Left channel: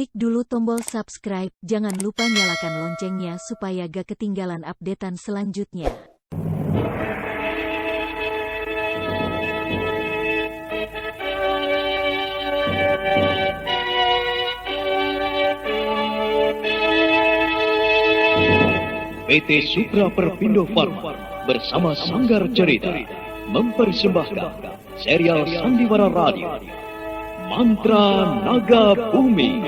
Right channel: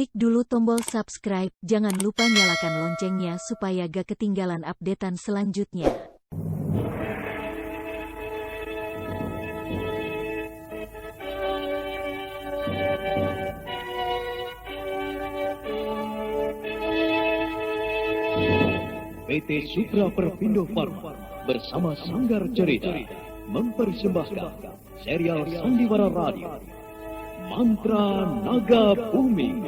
Klik dulu tombol subscribe, jangan lupa nyalakan loncengnya supaya gak ketinggalan updatean selanjutnya. PT Supra Perpindo Farma bersama Sanggar Cerita mempersembahkan serial Sandiwara Radio Mantra Naga Bumi.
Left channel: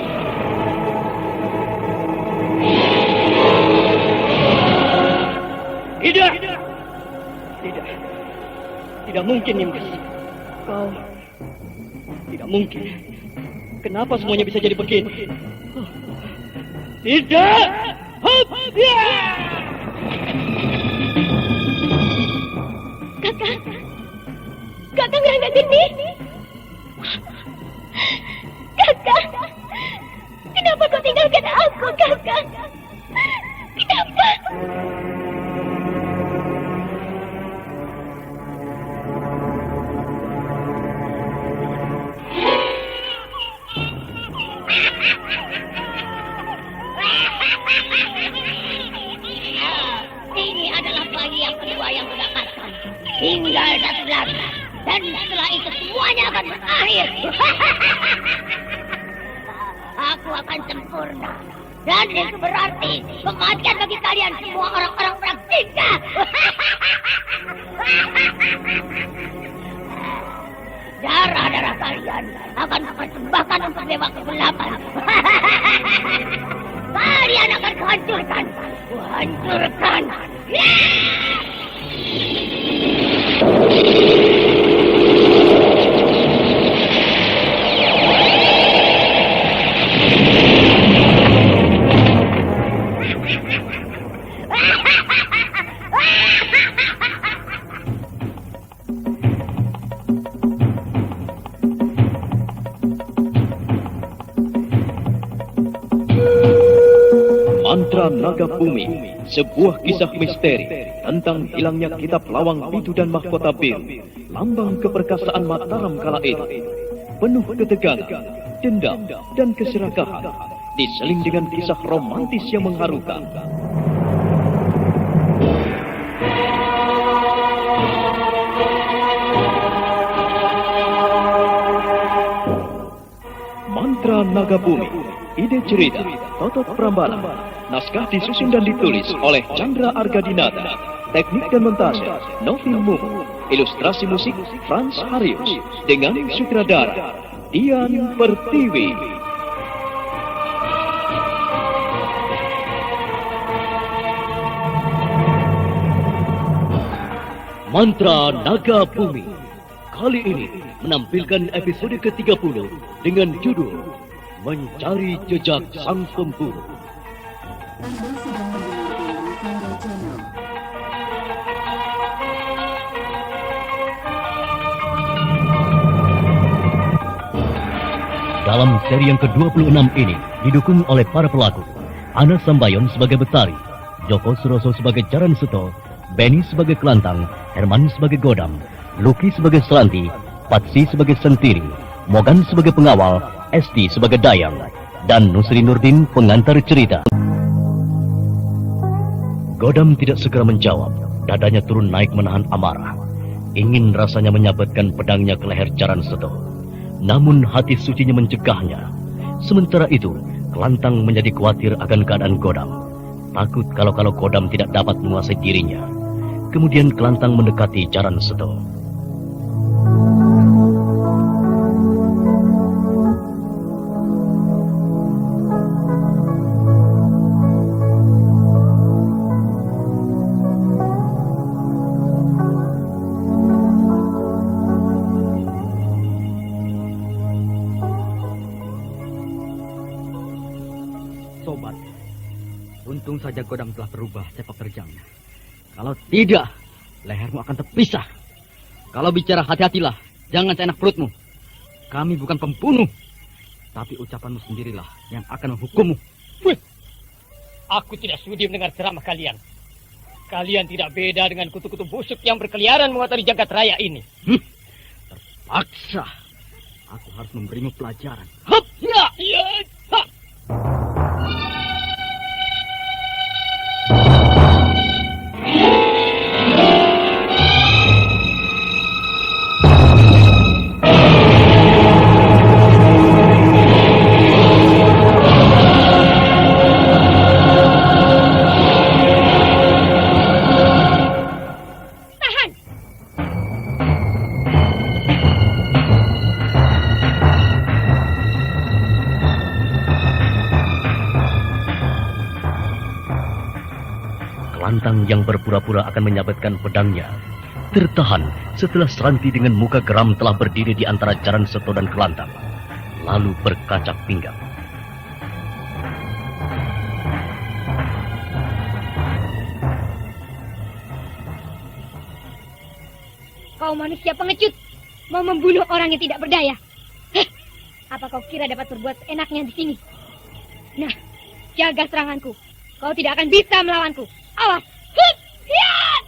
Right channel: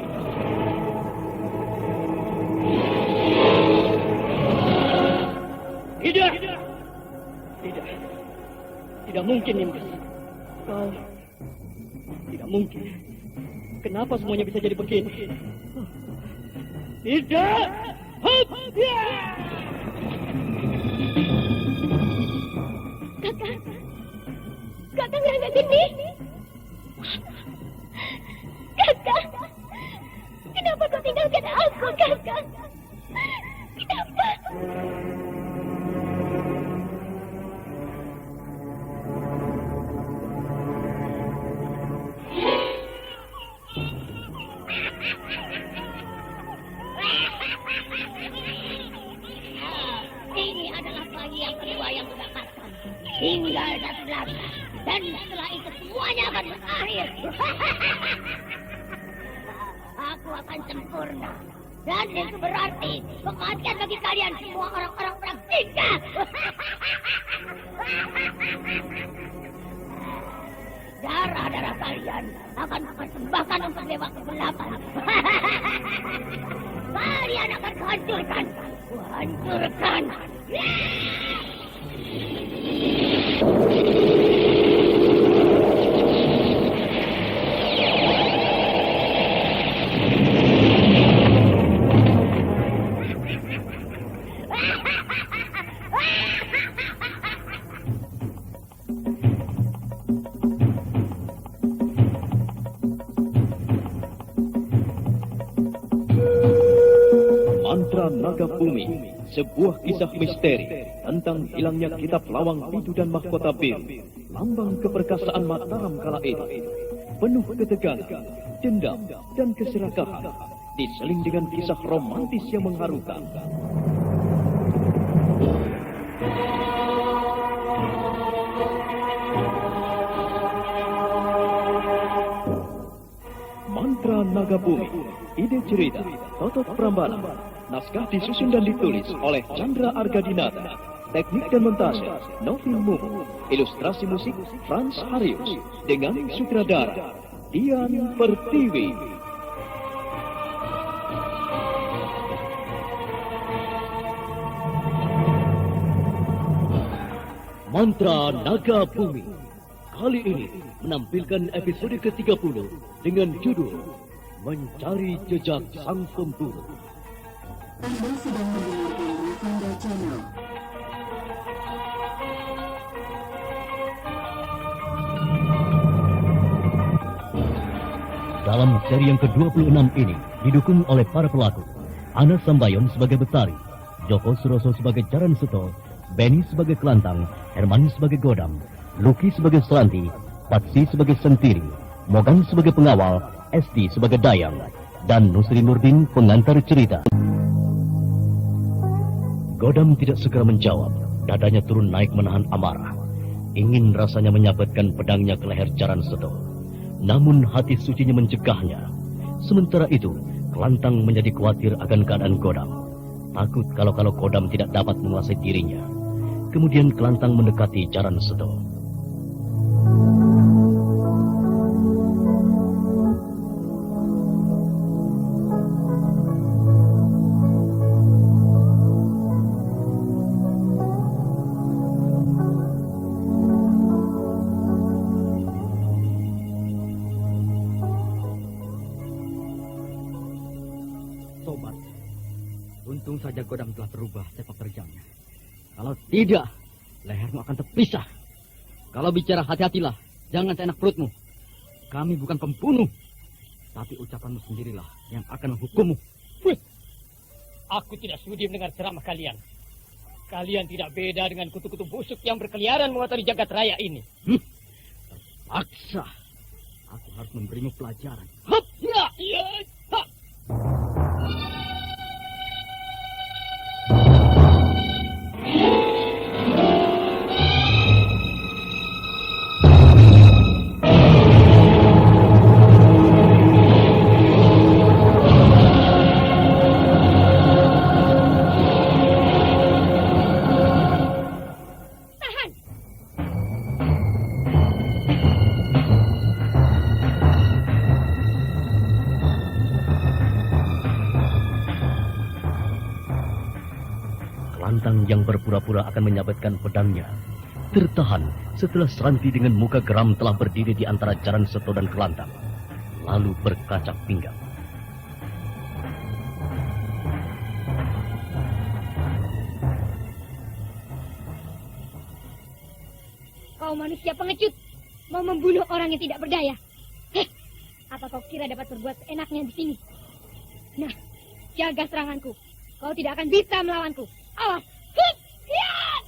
Tidak mungkin, Nimdes. Kau tidak mungkin. Kenapa semuanya bisa jadi begini? Tidak. Kakak Rangga Geni. Kakak, kenapa kau tinggalkan aku, Kakak? Kenapa? Ini adalah bayi yang kedua yang kudapatkan. Tinggal satu lagi. Dan setelah itu semuanya akan berakhir. Aku akan sempurna. Dan itu berarti kematian bagi kalian semua orang-orang praktika. Darah-darah kalian akan persembahkan untuk dewa kegelapan. Kalian akan kuhancurkan. Kuhancurkan. Mantra Naga Bumi, sebuah kisah misteri tentang hilangnya kitab Lawang Bidu dan Mahkota Biru, lambang keperkasaan Mataram kala itu. Penuh ketegangan, dendam, dan keserakahan, diseling dengan kisah romantis yang mengharukan. Mantra Naga Bumi, ide cerita, Totot Prambanan. Naskah disusun dan ditulis oleh Chandra Argadinata. Teknik dan montase Novi Mumu. Ilustrasi musik Frans Harius. Dengan sutradara Dian Pertiwi. Mantra Naga Bumi kali ini menampilkan episode ke-30 dengan judul Mencari Jejak Sang Pemburu. Anda sedang mendengarkan Rufanda Channel. Dalam seri yang ke-26 ini didukung oleh para pelaku Ana Sambayon sebagai Betari, Joko Suroso sebagai Jaran Seto, Benny sebagai Kelantang, Herman sebagai Godam, Luki sebagai Selanti, Patsi sebagai Sentiri, Mogan sebagai pengawal, Esti sebagai Dayang, dan Nusri Nurdin pengantar cerita. Godam tidak segera menjawab. Dadanya turun naik menahan amarah. Ingin rasanya menyabetkan pedangnya ke leher Jaran Seto. Namun hati sucinya mencegahnya. Sementara itu, Kelantang menjadi khawatir akan keadaan Godam. Takut kalau Godam tidak dapat menguasai dirinya. Kemudian Kelantang mendekati Jaran Seto. Sobat, untung saja Godam telah berubah sepak terjangnya. Kalau tidak, lehermu akan terpisah. Kalau bicara hati-hatilah, jangan seenak perutmu. Kami bukan pembunuh, tapi ucapanmu sendirilah yang akan menghukummu. Aku tidak sudi mendengar ceramah kalian. Kalian tidak beda dengan kutu-kutu busuk yang berkeliaran mengotori jagat raya ini. Terpaksa. Aku harus memberimu pelajaran. Hup! Ya! Ya! Ha! pura-pura akan menyabetkan pedangnya, tertahan setelah Seranti dengan muka geram telah berdiri di antara Jaran Seto dan Kelantang, lalu berkacak pinggang. Kau manusia pengecut, mau membunuh orang yang tidak berdaya. Hah? Apa kau kira dapat berbuat enaknya di sini? Nah, jaga seranganku. Kau tidak akan bisa melawanku. Awas! Hut! Hiat!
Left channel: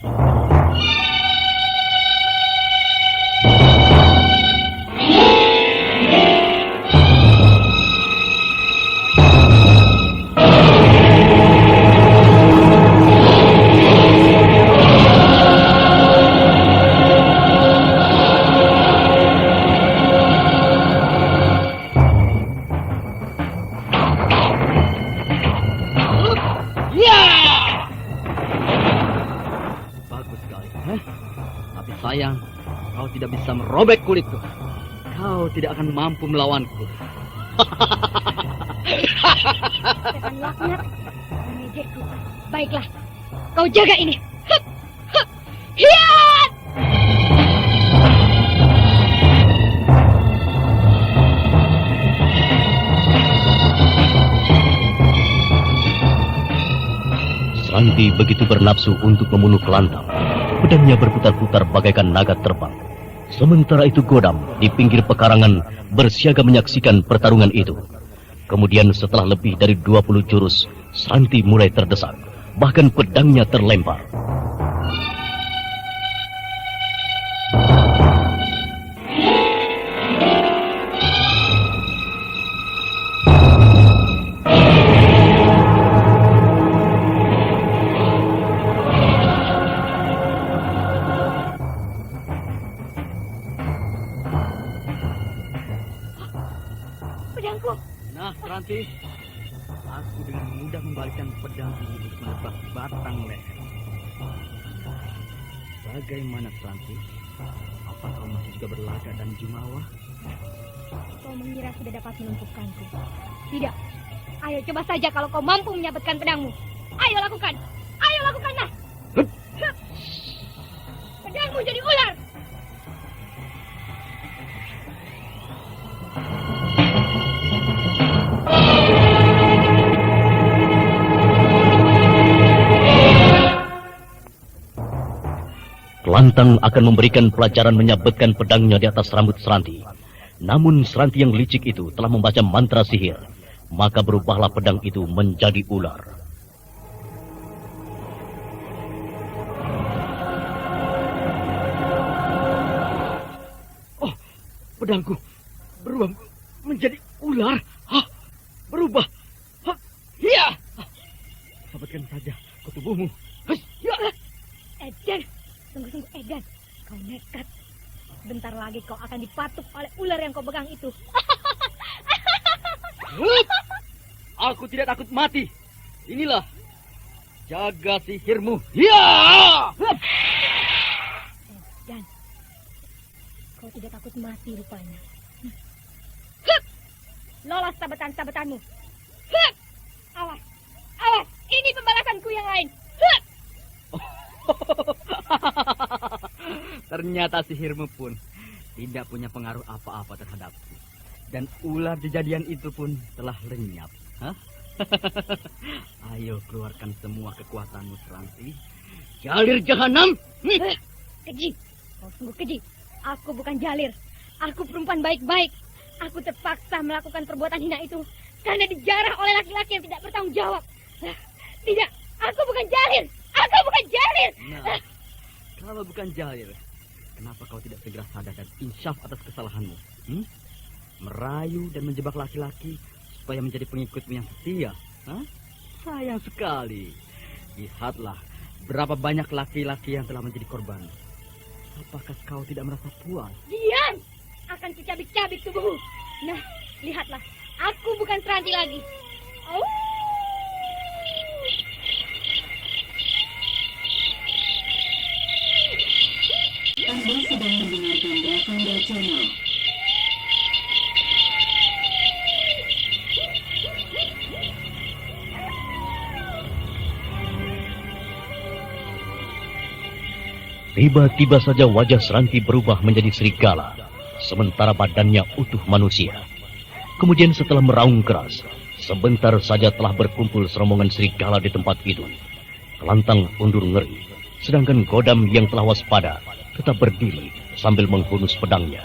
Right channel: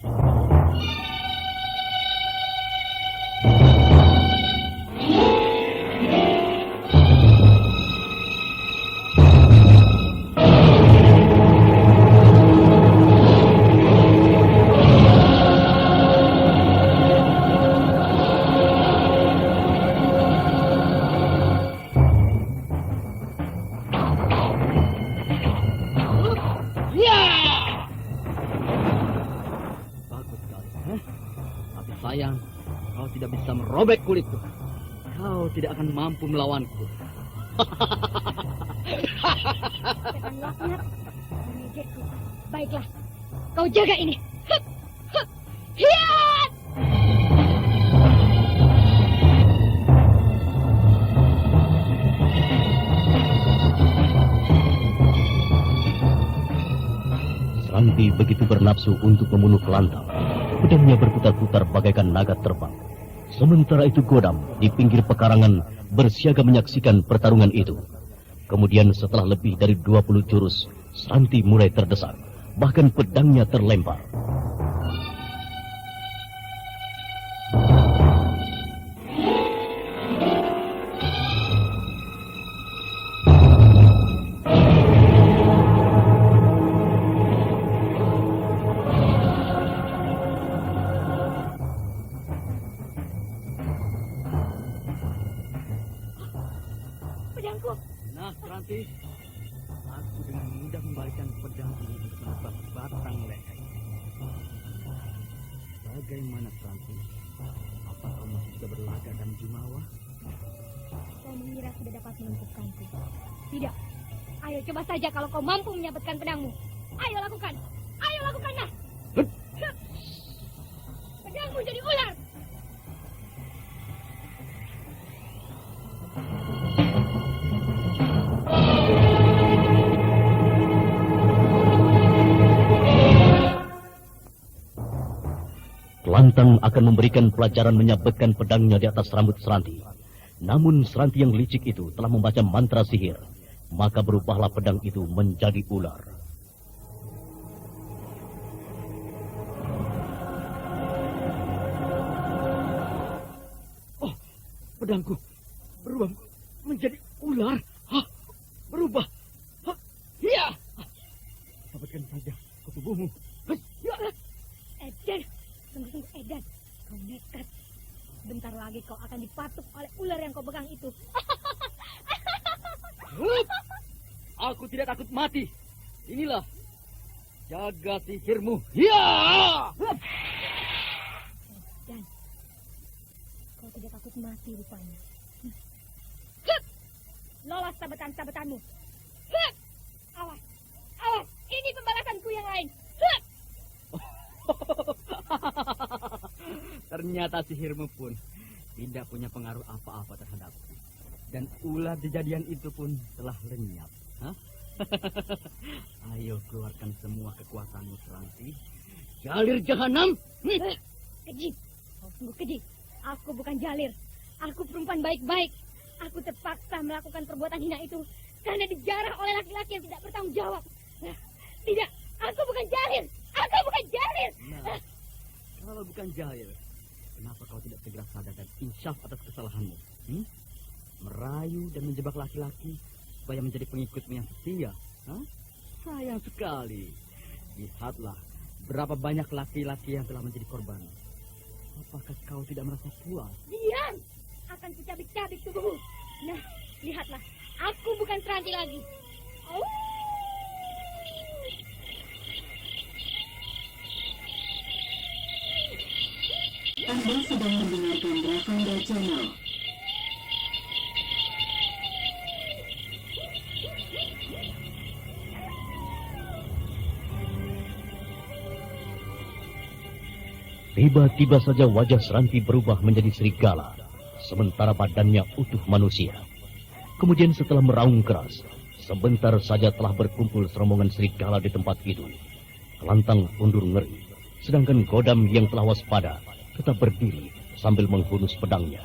Bagus sekali. Tapi sayang, kau tidak bisa merobek kulitku. Kau tidak akan mampu melawanku. Setan laknat, mengejekku. Baiklah, kau jaga ini. Hup! Hup! Hiat! Seranti begitu bernafsu untuk membunuh Kelantang. Pedangnya berputar-putar bagaikan naga terbang. Sementara itu Godam di pinggir pekarangan bersiaga menyaksikan pertarungan itu. Kemudian setelah lebih dari 20 jurus, Seranti mulai terdesak. Bahkan pedangnya terlempar. Pedangku. Nah, Seranti, aku dengan mudah membalikkan pedang ini untuk menebas batang leher. Bagaimana, Seranti? Apa kau masih juga berlaga dan jumawa? Kau mengira sudah dapat melumpuhkanku. Tidak. Ayo coba saja kalau kau mampu menyabetkan pedangmu. Ayo lakukan. Ayo lakukanlah. Hup! Hup! Pedangmu jadi ular. Kelantang akan memberikan pelajaran menyabetkan pedangnya di atas rambut Seranti. Namun Seranti yang licik itu telah membaca mantra sihir. Maka berubahlah pedang itu menjadi ular. Oh, pedangku berubah menjadi ular. Hah? Berubah. Hah? Iya. Sabatkan saja ke tubuhmu. Hah? Ya. Edan, sungguh-sungguh Edan. Kau nekat. Bentar lagi kau akan dipatuk oleh ular yang kau pegang itu. Hup! Aku tidak takut mati. Inilah jaga sihirmu. Ya! Hup! Dan kau tidak takut mati rupanya. Hup! Lolos sabetan-sabetanmu. Hup! Awas, awas, ini pembalasanku yang lain. Hup! Ternyata sihirmu pun tidak punya pengaruh apa-apa terhadapku. Dan ular kejadian itu pun telah lenyap. Hah? Ayo keluarkan semua kekuatanmu, Seranti. Jalir jahanam. Keji, kau sungguh keji. Aku bukan jalir. Aku perempuan baik-baik. Aku terpaksa melakukan perbuatan hina itu karena dijarah oleh laki-laki yang tidak bertanggung jawab. Tidak, aku bukan jalir. Aku bukan jalir. Nah, kalau bukan jalir, kenapa kau tidak segera sadar dan insyaf atas kesalahanmu? Merayu dan menjebak laki-laki supaya menjadi pengikutmu yang setia. Hah? Sayang sekali. Lihatlah berapa banyak laki-laki yang telah menjadi korban. Apakah kau tidak merasa puas? Diam! Akan kucabik-cabik tubuhmu. Nah, lihatlah. Aku bukan Seranti lagi. Oh. Anda sedang mendengarkan Ravanda Channel. Tiba-tiba saja wajah Seranti berubah menjadi serigala, sementara badannya utuh manusia. Kemudian setelah meraung keras, sebentar saja telah berkumpul serombongan serigala di tempat itu. Kelantang undur ngeri, sedangkan Godam yang telah waspada tetap berdiri sambil menghunus pedangnya.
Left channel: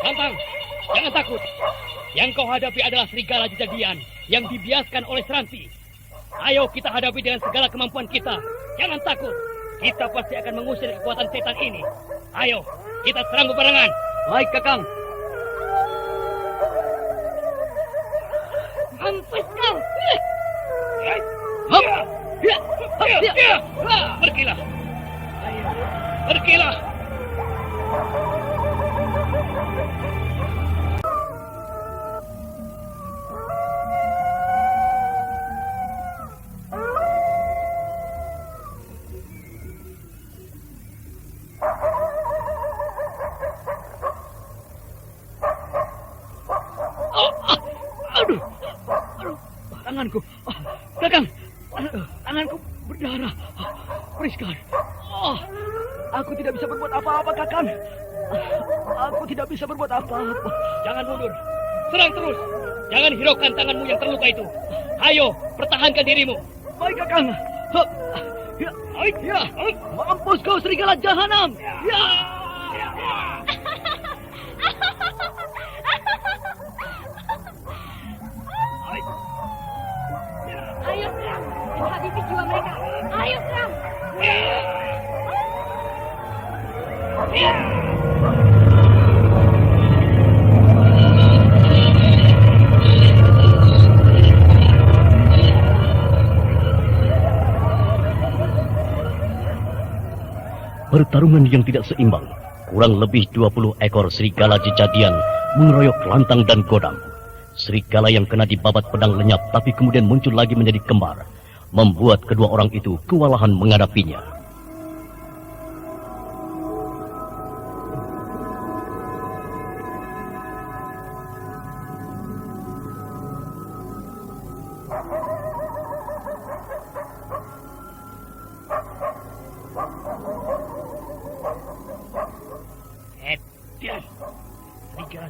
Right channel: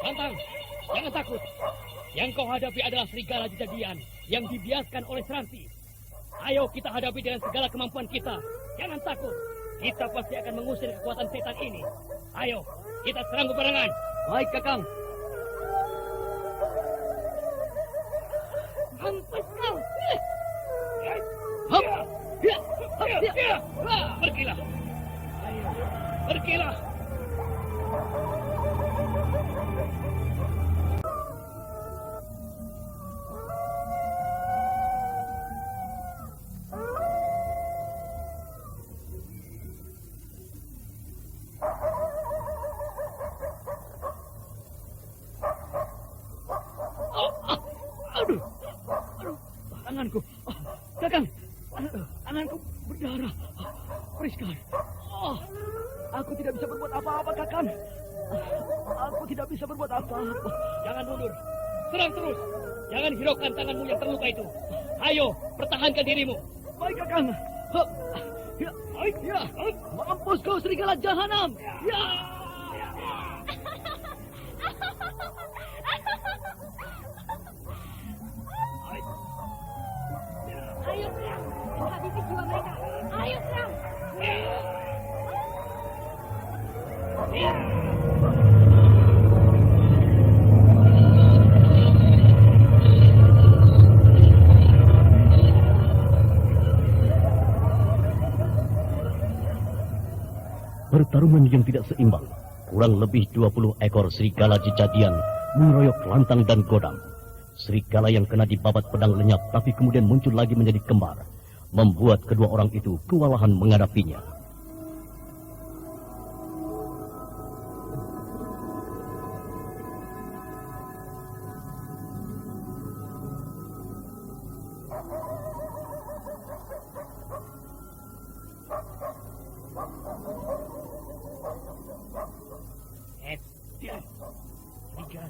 Lantang, jangan takut. Yang kau hadapi adalah serigala jejadian yang dibiaskan oleh Seranti. Ayo kita hadapi dengan segala kemampuan kita. Jangan takut. Kita pasti akan mengusir kekuatan setan ini. Ayo, kita serang bebarengan. Baik, Kakang. Mampus kau! Pergilah. Pergilah. Aduh, tanganku, Kakang, tanganku berdarah. Priskan, aku tidak bisa berbuat apa-apa, Kakang. Aku tidak bisa berbuat apa-apa. Jangan mundur, serang terus. Jangan hiraukan tanganmu yang terluka itu. Ayo, pertahankan dirimu. Baik, Kakang. Ya, mampus kau serigala jahanam. Ya. Ayo serang! Habisi jiwa mereka! Ayo serang! Pertarungan yang tidak seimbang. Kurang lebih 20 ekor serigala jejadian mengeroyok Kelantang dan Godam. Serigala yang kena dibabat pedang lenyap tapi kemudian muncul lagi menjadi kembar, membuat kedua orang itu kewalahan menghadapinya.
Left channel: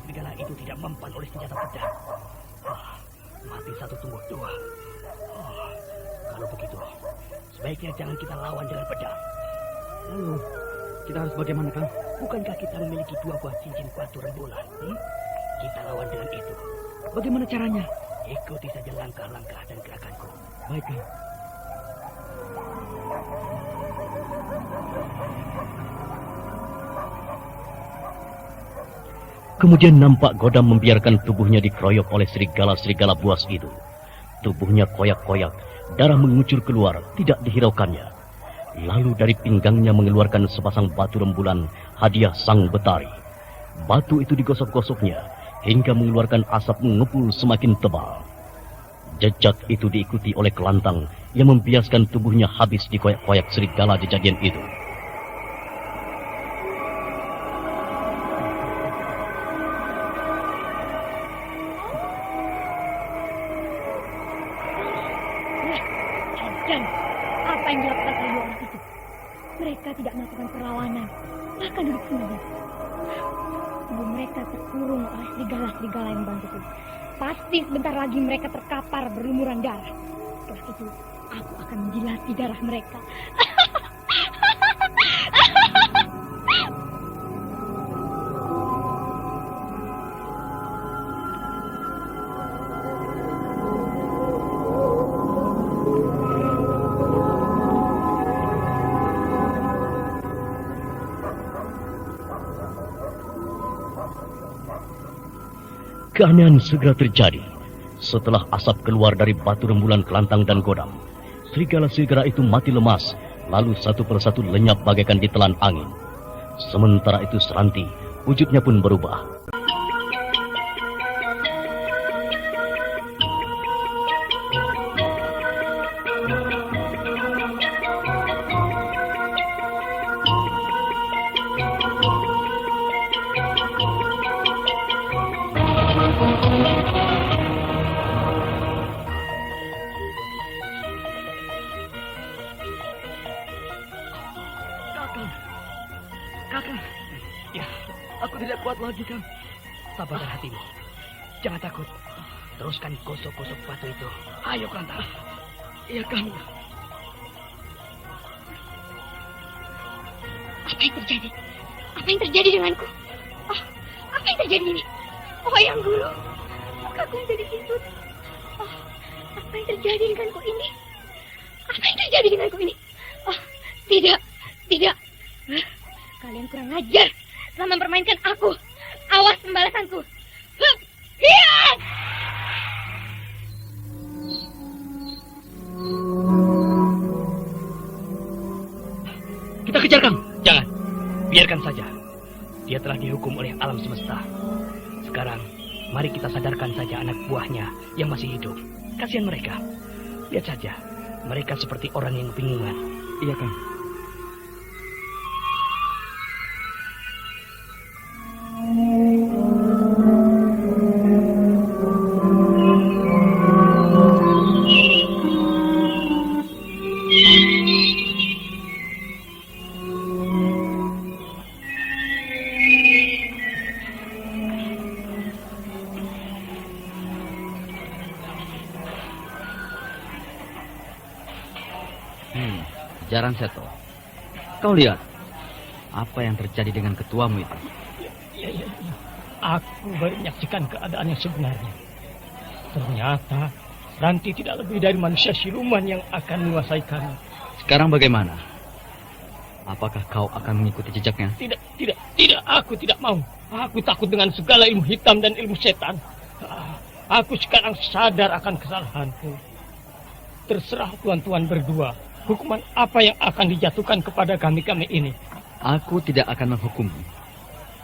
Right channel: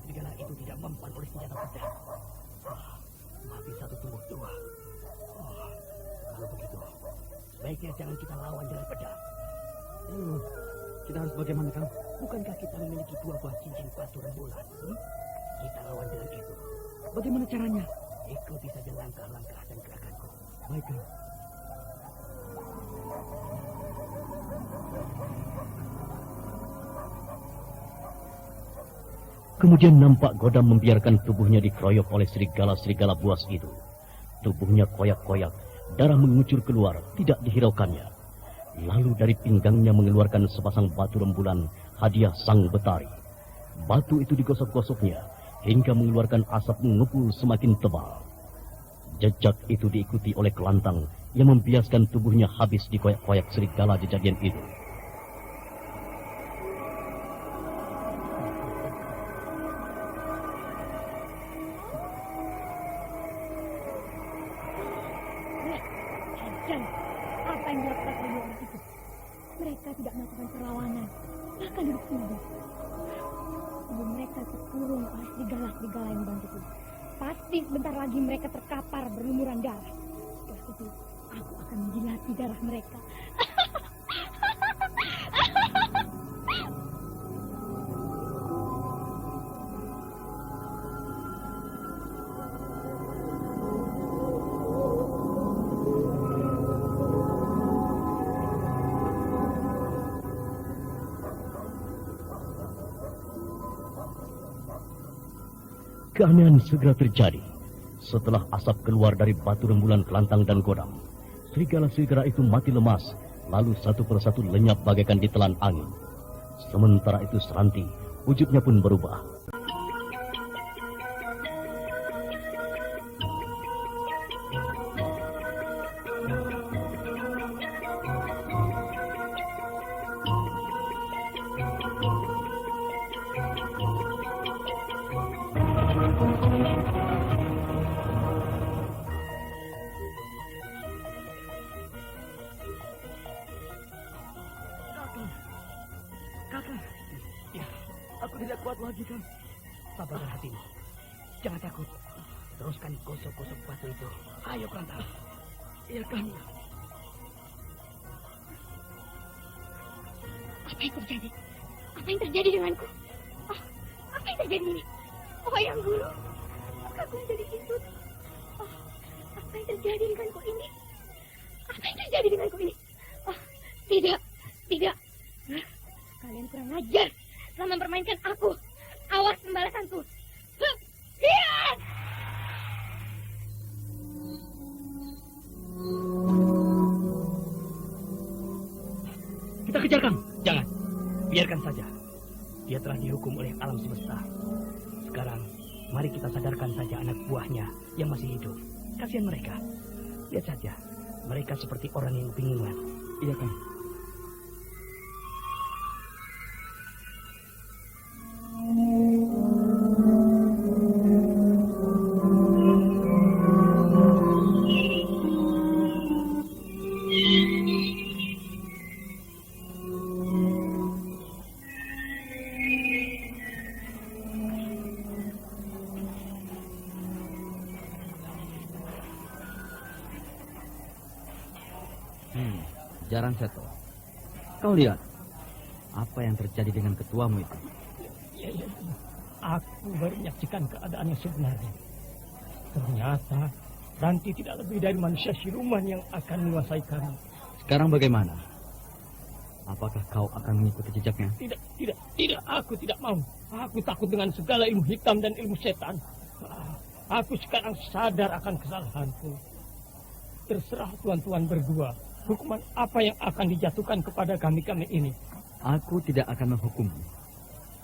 Serigala itu tidak mempan oleh senjata pedang. Mati satu tumbuh dua. Kalau begitu, sebaiknya jangan kita lawan dengan pedang. Lalu, kita harus bagaimana, Kang? Bukankah kita memiliki 2 buah cincin batu rembulan? Kita lawan dengan itu. Bagaimana caranya? Ikuti saja langkah-langkah dan gerakanku. Baik, Kang. Kemudian nampak Godam membiarkan tubuhnya dikeroyok oleh serigala-serigala buas itu. Tubuhnya koyak-koyak, darah mengucur keluar, tidak dihiraukannya. Lalu dari pinggangnya mengeluarkan sepasang batu rembulan, hadiah sang Betari. Batu itu digosok-gosoknya, hingga mengeluarkan asap mengepul semakin tebal. Jejak itu diikuti oleh Kelantang, yang membiaskan tubuhnya habis dikoyak-koyak serigala jejadian itu. Dan apa yang dilakukan oleh orang itu? Mereka tidak melakukan perlawanan, bahkan duduk sendiri. Tubuh mereka terkurung oleh serigala-serigala yang membantu. Pasti sebentar lagi mereka terkapar berlumuran darah. Setelah itu, aku akan menjilati darah mereka. Keanehan segera terjadi. Setelah asap keluar dari batu rembulan Kelantang dan Godam, serigala-serigala itu mati lemas, lalu satu persatu lenyap bagaikan ditelan angin. Sementara itu Seranti, wujudnya pun berubah. Kakang, ya, aku tidak kuat lagi, Kang. Sabarlah hatimu. Jangan takut. Teruskan gosok-gosok batu itu. Ayo, Kanta. Iya, Kang. Apa yang terjadi? Apa yang terjadi denganku? Oh, apa yang terjadi ini? Oh, yang dulu. Mukaku menjadi kisut. Oh, apa yang terjadi denganku ini? Apa yang terjadi denganku ini? Oh, tidak. Kalian kurang ajar. Telah mempermainkan aku. Awas pembalasanku. Hup! Hiat! Kita kejar, Kang. Jangan. Biarkan saja. Dia telah dihukum oleh alam semesta. Sekarang, mari kita sadarkan saja anak buahnya yang masih hidup. Kasihan mereka. Lihat saja. Mereka seperti orang yang kebingungan. Iya, Kang. Jaran Seto, kau lihat apa yang terjadi dengan ketuamu itu? Ya. Aku baru menyaksikan keadaan yang sebenarnya. Ternyata Ranti tidak lebih dari manusia siluman yang akan menguasai kami. Sekarang bagaimana? Apakah kau akan mengikuti jejaknya? Tidak. Aku tidak mau. Aku takut dengan segala ilmu hitam dan ilmu setan. Aku sekarang sadar akan kesalahanku. Terserah tuan-tuan berdua. Hukuman apa yang akan dijatuhkan kepada kami-kami ini? Aku tidak akan menghukummu.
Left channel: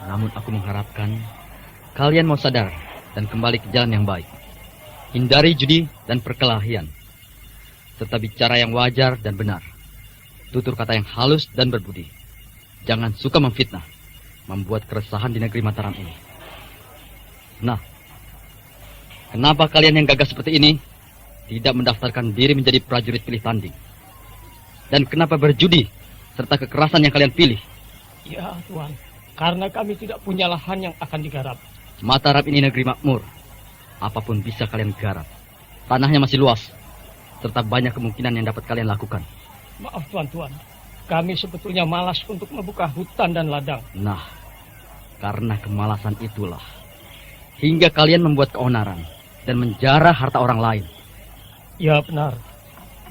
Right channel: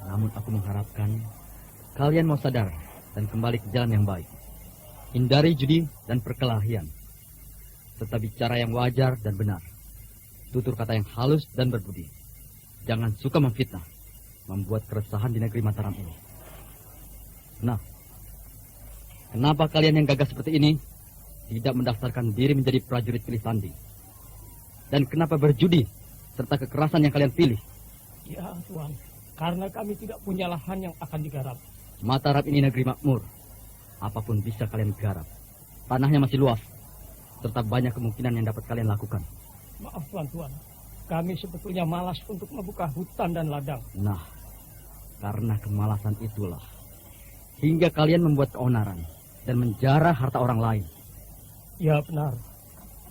Namun aku mengharapkan kalian mau sadar dan kembali ke jalan yang baik. Hindari judi dan perkelahian. Serta bicara yang wajar dan benar. Tutur kata yang halus dan berbudi. Jangan suka memfitnah, membuat keresahan di negeri Mataram ini. Nah, kenapa kalian yang gagah seperti ini tidak mendaftarkan diri menjadi prajurit pilih tanding? Dan kenapa berjudi serta kekerasan yang kalian pilih? Ya, Tuan. Karena kami tidak punya lahan yang akan digarap. Mataram ini negeri makmur. Apapun bisa kalian garap. Tanahnya masih luas. Serta banyak kemungkinan yang dapat kalian lakukan. Maaf, Tuan-tuan. Kami sebetulnya malas untuk membuka hutan dan ladang. Nah, karena kemalasan itulah. Hingga kalian membuat keonaran. Dan menjarah harta orang lain. Ya, benar.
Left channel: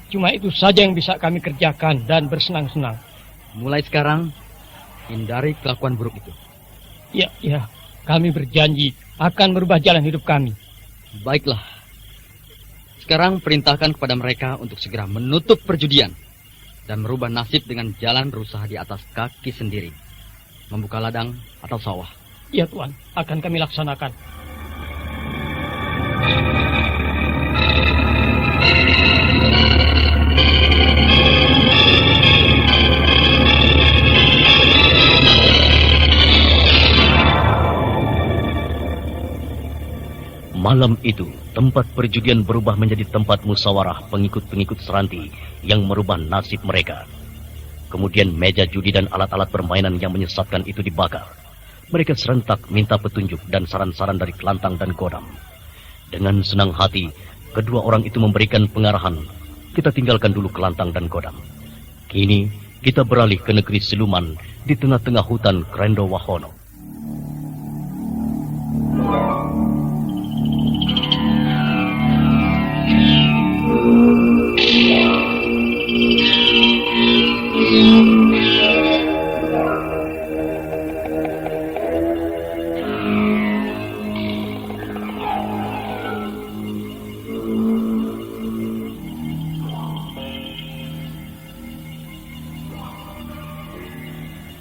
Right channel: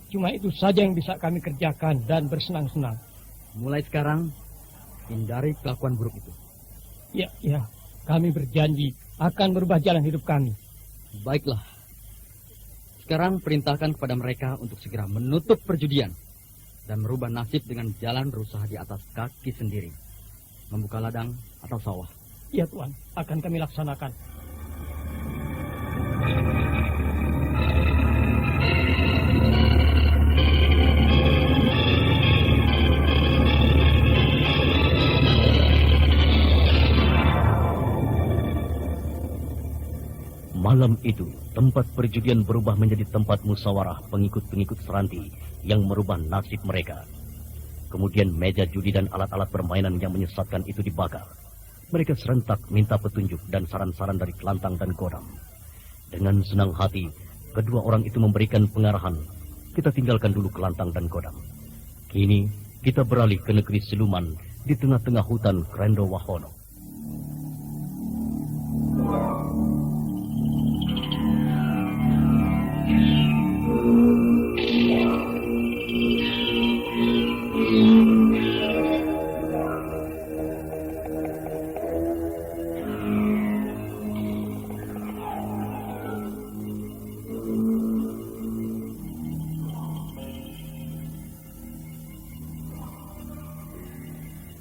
Cuma itu saja yang bisa kami kerjakan dan bersenang-senang. Mulai sekarang, hindari kelakuan buruk itu. Ya. Kami berjanji akan merubah jalan hidup kami. Baiklah. Sekarang perintahkan kepada mereka untuk segera menutup perjudian. Dan merubah nasib dengan jalan berusaha di atas kaki sendiri. Membuka ladang atau sawah. Ya, Tuan. Akan kami laksanakan. Malam itu, tempat perjudian berubah menjadi tempat musyawarah pengikut-pengikut Seranti yang merubah nasib mereka. Kemudian meja judi dan alat-alat permainan yang menyesatkan itu dibakar. Mereka serentak minta petunjuk dan saran-saran dari Kelantang dan Godam. Dengan senang hati, kedua orang itu memberikan pengarahan. Kita tinggalkan dulu Kelantang dan Godam. Kini, kita beralih ke negeri siluman di tengah-tengah hutan Krendo Wahono.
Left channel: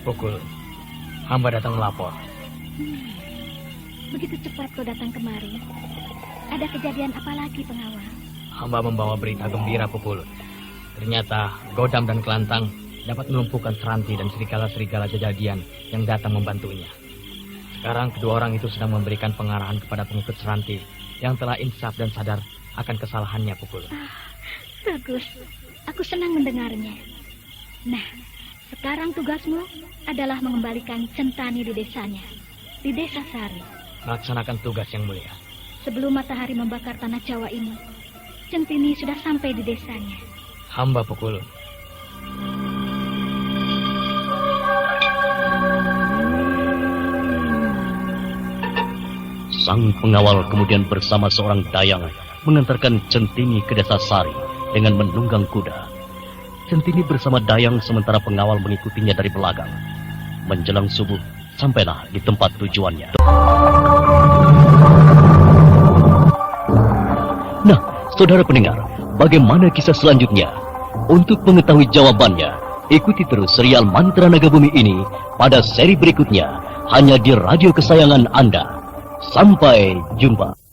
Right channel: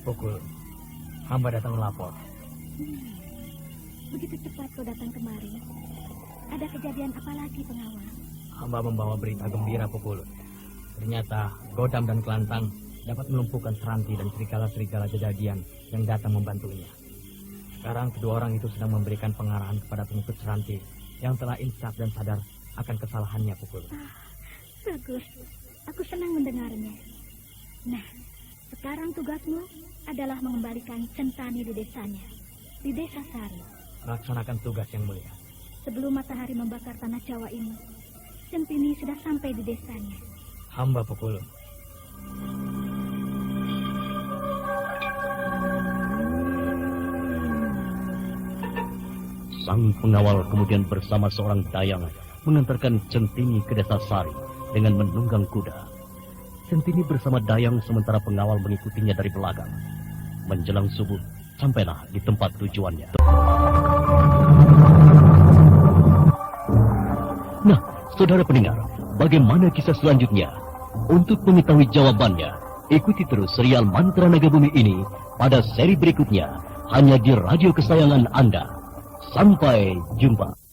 Pukul Hamba datang melapor. Begitu cepat kau datang kemari. Ada kejadian apa lagi, pengawal? Hamba membawa berita gembira, Pukulut. Ternyata Godam dan Kelantang dapat melumpuhkan Seranti dan serigala-serigala Jajadian yang datang membantunya. Sekarang kedua orang itu sedang memberikan pengarahan kepada pengikut Seranti yang telah insaf dan sadar akan kesalahannya, Pukulut. Bagus. Aku senang mendengarnya. Nah, sekarang tugasmu adalah mengembalikan Centani di desanya, di desa Sari. Melaksanakan tugas yang mulia. Sebelum matahari membakar tanah Jawa ini, Centini sudah sampai di desanya. Hamba, Pukulut. Sang pengawal kemudian bersama seorang dayang mengantarkan Centini ke desa Sari dengan menunggang kuda. Centini bersama dayang sementara pengawal mengikutinya dari belakang. Menjelang subuh, sampailah di tempat tujuannya. Nah, saudara pendengar, bagaimana kisah selanjutnya? Untuk mengetahui jawabannya, ikuti terus serial Mantra Naga Bumi ini pada seri berikutnya, hanya di radio kesayangan Anda. Sampai jumpa.